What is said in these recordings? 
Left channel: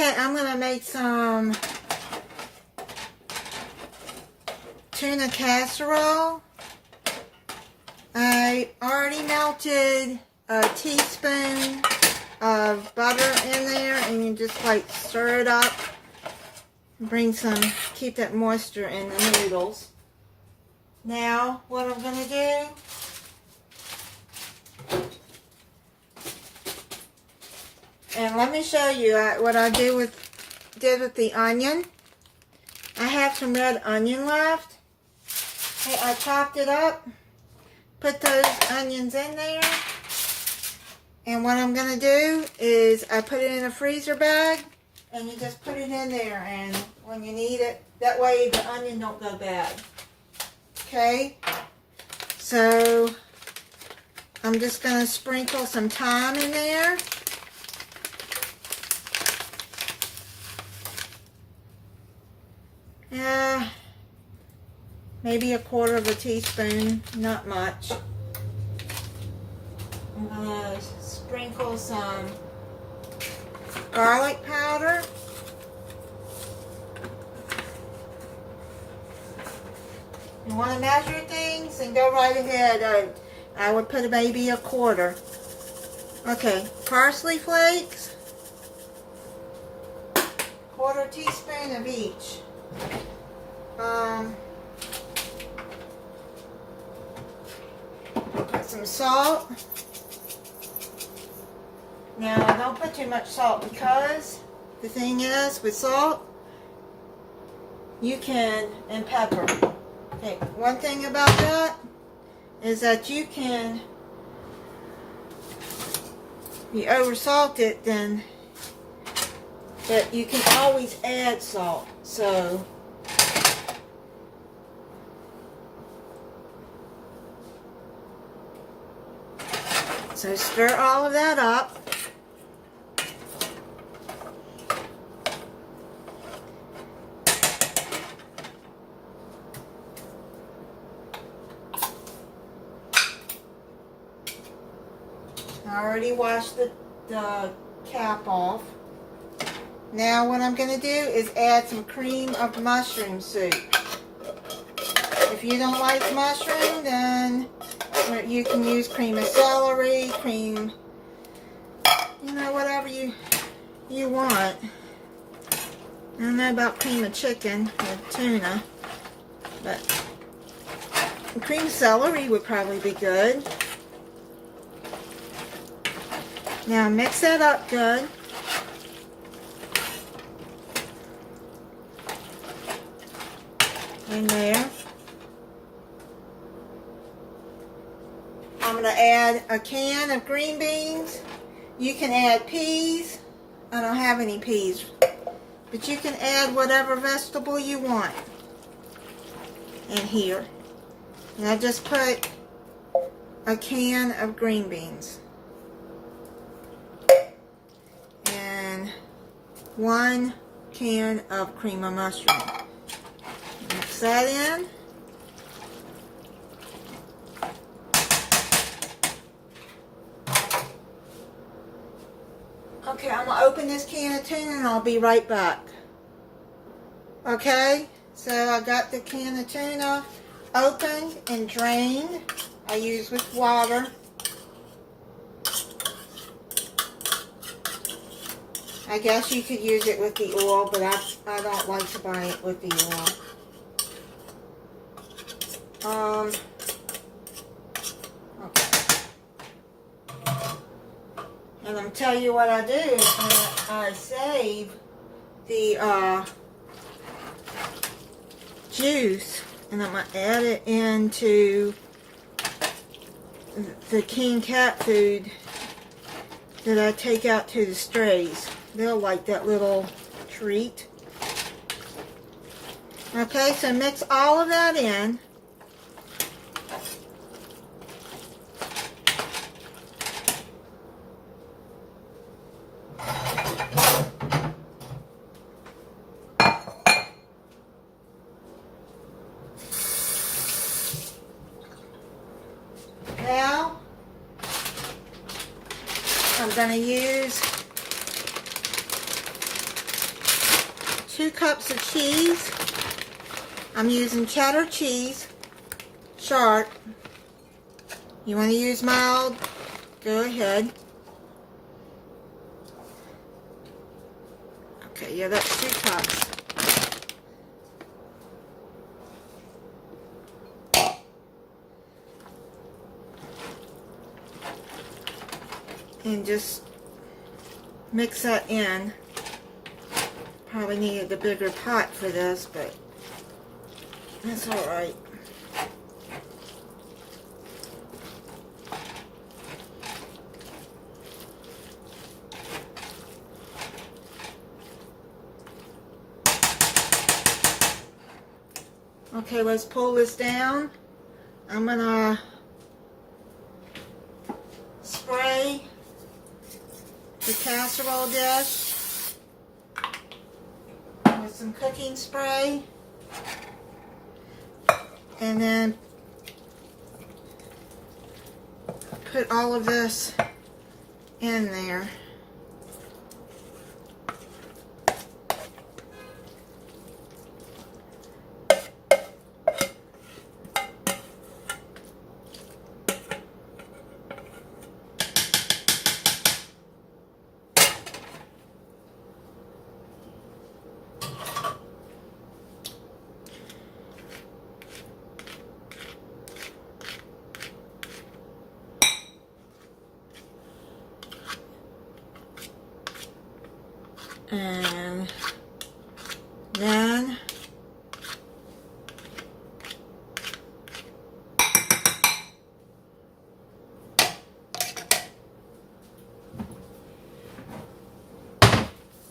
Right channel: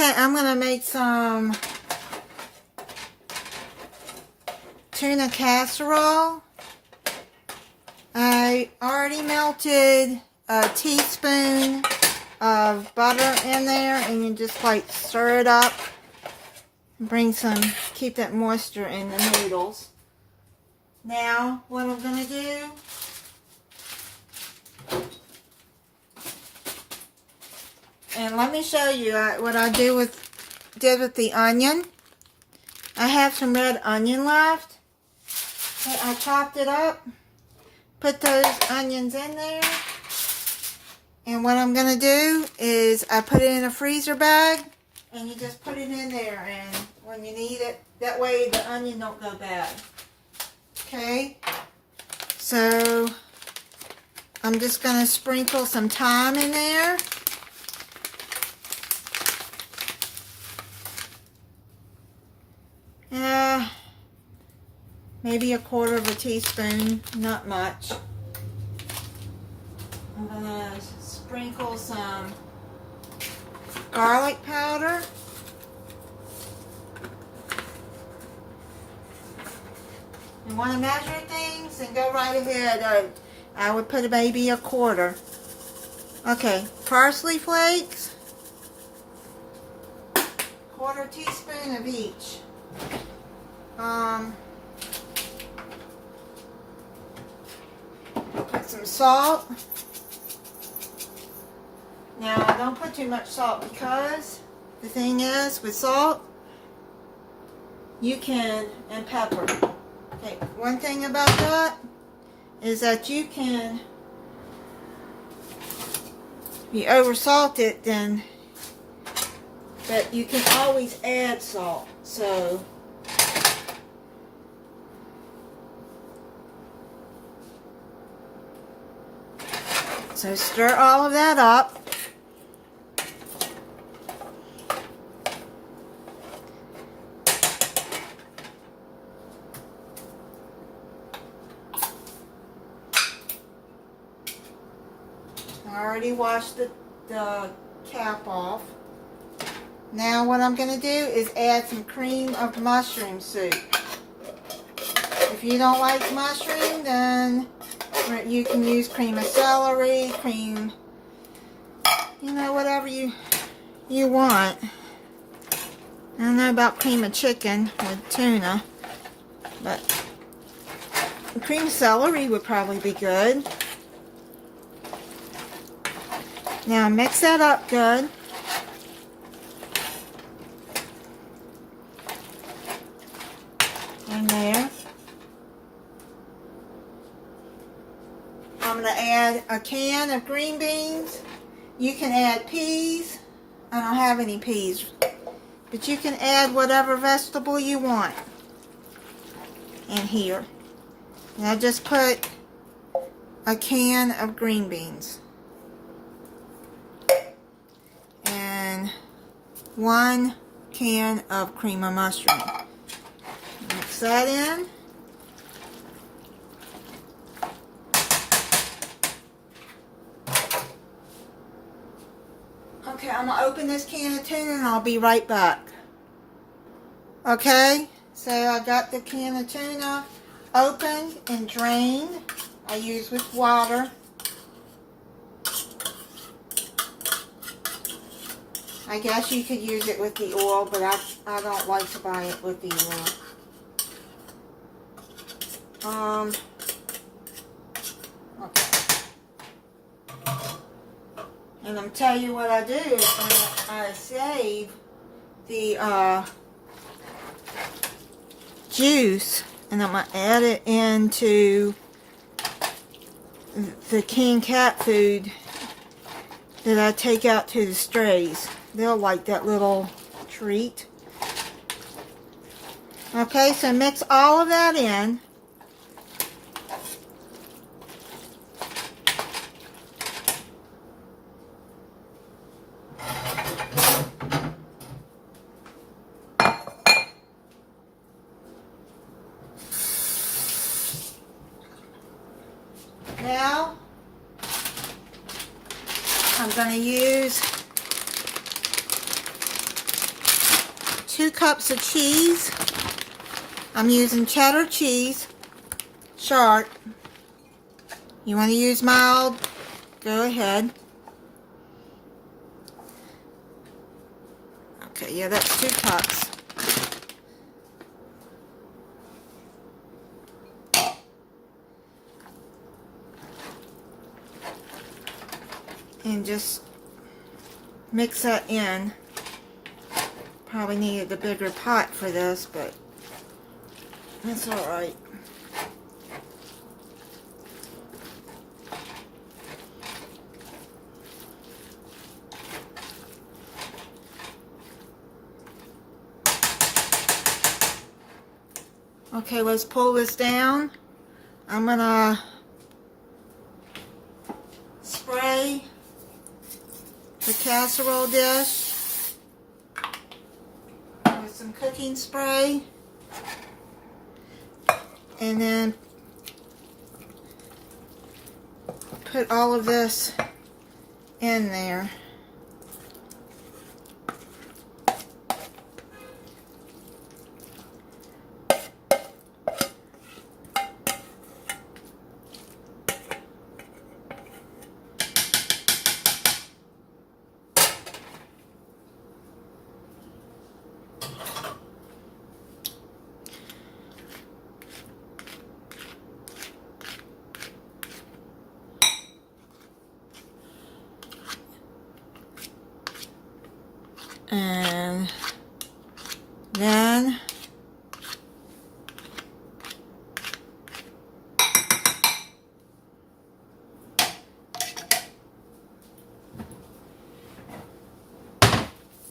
Okay, I'm going to make some tuna casserole. I already melted a teaspoon of butter in there, and you just like stir it up. Keep that moisture in the noodles. Now, what I'm going to do, and let me show you what I did with the onion. I have some red onion left. I chopped it up, put those onions in there, and what I'm going to do is I put it in a freezer bag, and you just put it in there, and when you need it, that way the onion don't go bad. Okay, so I'm just going to sprinkle some thyme in there. Maybe a quarter of a teaspoon, not much. I'm going to sprinkle some garlic powder. You want to measure things and go right ahead. I would put maybe a quarter. Okay, parsley flakes. Quarter teaspoon of each. Some salt. Now, don't put too much salt, because the thing is, with salt, and pepper. Okay, one thing about that is that you can, if you oversalt it, then, but you can always add salt. So stir all of that up. I already washed the cap off. Now what I'm going to do is add some cream of mushroom soup. If you don't like mushroom, then you can use cream of celery, cream, whatever you want. I don't know about cream of chicken with tuna, but cream of celery would probably be good. Now mix that up good. In there. I'm going to add a can of green beans. You can add peas. I don't have any peas. But you can add whatever vegetable you want in here. And I just put a can of green beans. And 1 can of cream of mushroom. Mix that in. Okay, I'm going to open this can of tuna and I'll be right back. Okay, so I got the can of tuna opened and drained. I use with water. I guess you could use it with the oil, but I don't like to buy it with the oil. Okay. And I'm telling you what I do is I save the juice, and I'm going to add it into the canned cat food that I take out to the strays. They'll like that little treat. Okay, so mix all of that in. Now, I'm going to use 2 cups of cheese. I'm using cheddar cheese, sharp. You want to use mild, go ahead. Okay, yeah, that's 2 cups. And just mix that in. Probably needed a bigger pot for this, but that's alright. Okay, let's pull this down. I'm gonna spray the casserole dish with some cooking spray, and then put all of this in there. And then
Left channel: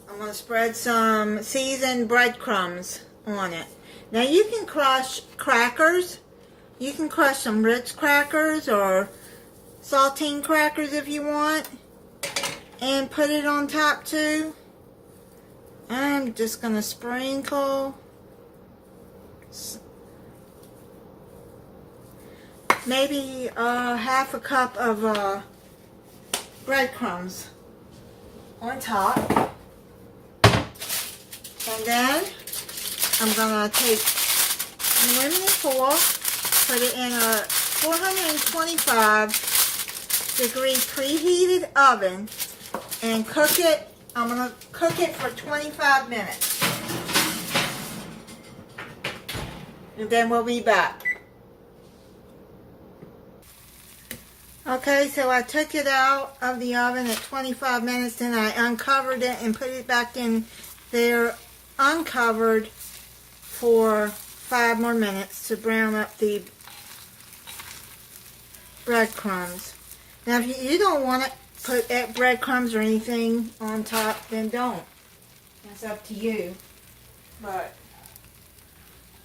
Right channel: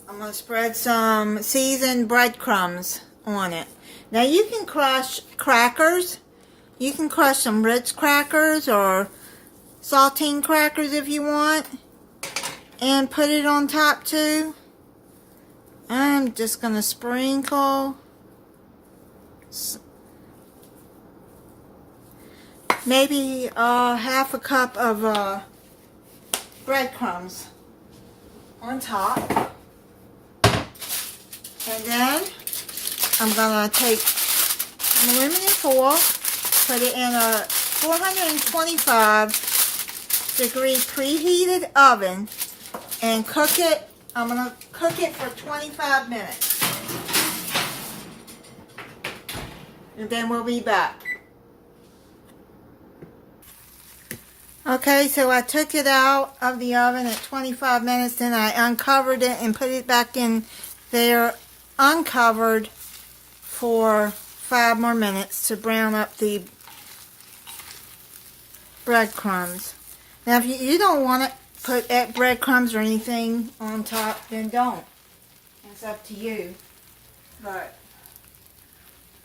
I'm going to spread some seasoned breadcrumbs on it. Now you can crush crackers. You can crush some Ritz crackers or saltine crackers if you want, and put it on top too. I'm just going to sprinkle maybe half a cup of breadcrumbs on top. And then I'm going to take aluminum foil, put it in a 425 degree preheated oven, and cook it. I'm going to cook it for 25 minutes. And then we'll be back. Okay, so I took it out of the oven at 25 minutes, then I uncovered it and put it back in there uncovered for 5 more minutes to brown up the breadcrumbs. Now, if you don't want to put breadcrumbs or anything on top, then don't. It's up to you. But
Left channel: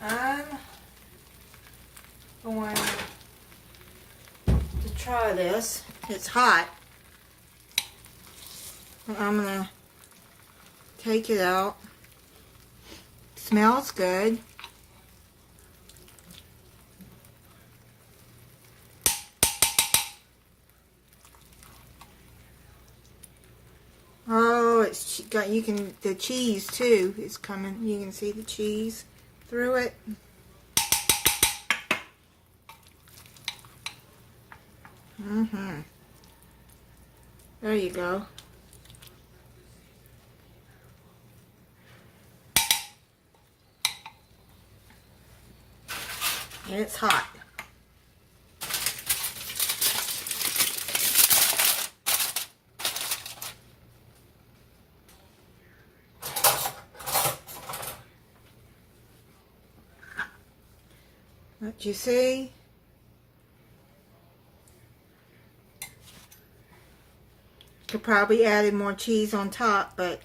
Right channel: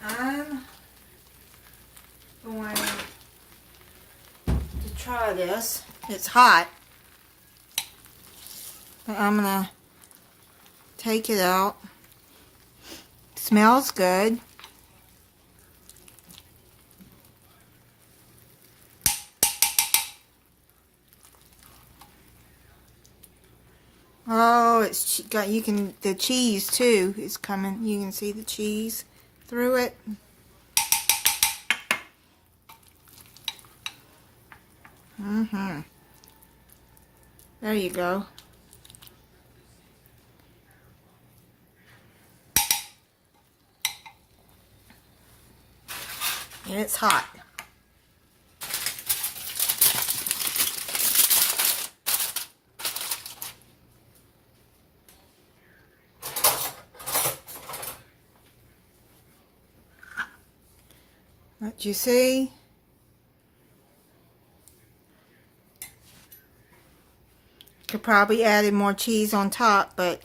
I'm going to try this. It's hot. I'm going to take it out. It smells good. Oh, it's got, you can, the cheese too is coming. You can see the cheese through it. There you go. And it's hot. What you see? Could probably add more cheese on top, but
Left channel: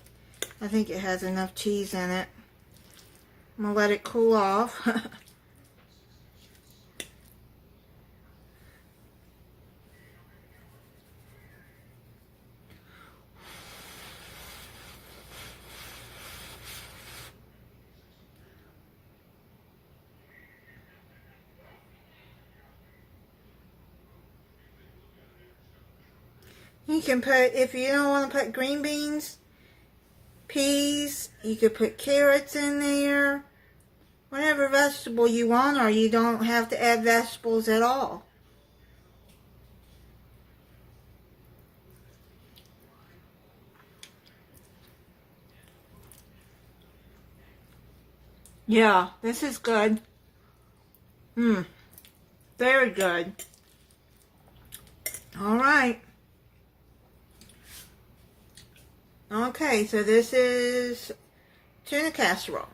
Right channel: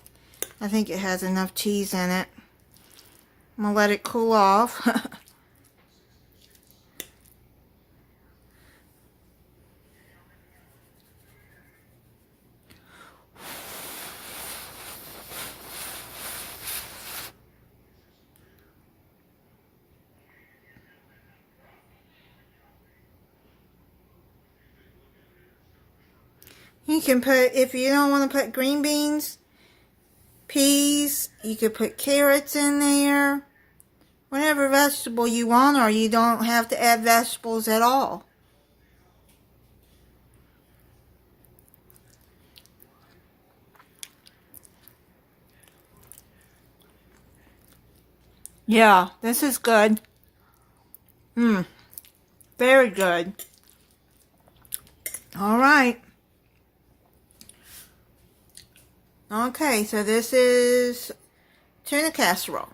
I think it has enough cheese in it. I'm gonna let it cool off. You can put, if you don't want to put green beans, peas. You could put carrots in there. Whatever vegetable you want, or you don't have to add vegetables at all. Yeah, this is good. Very good. All right. Okay, so this is tuna casserole.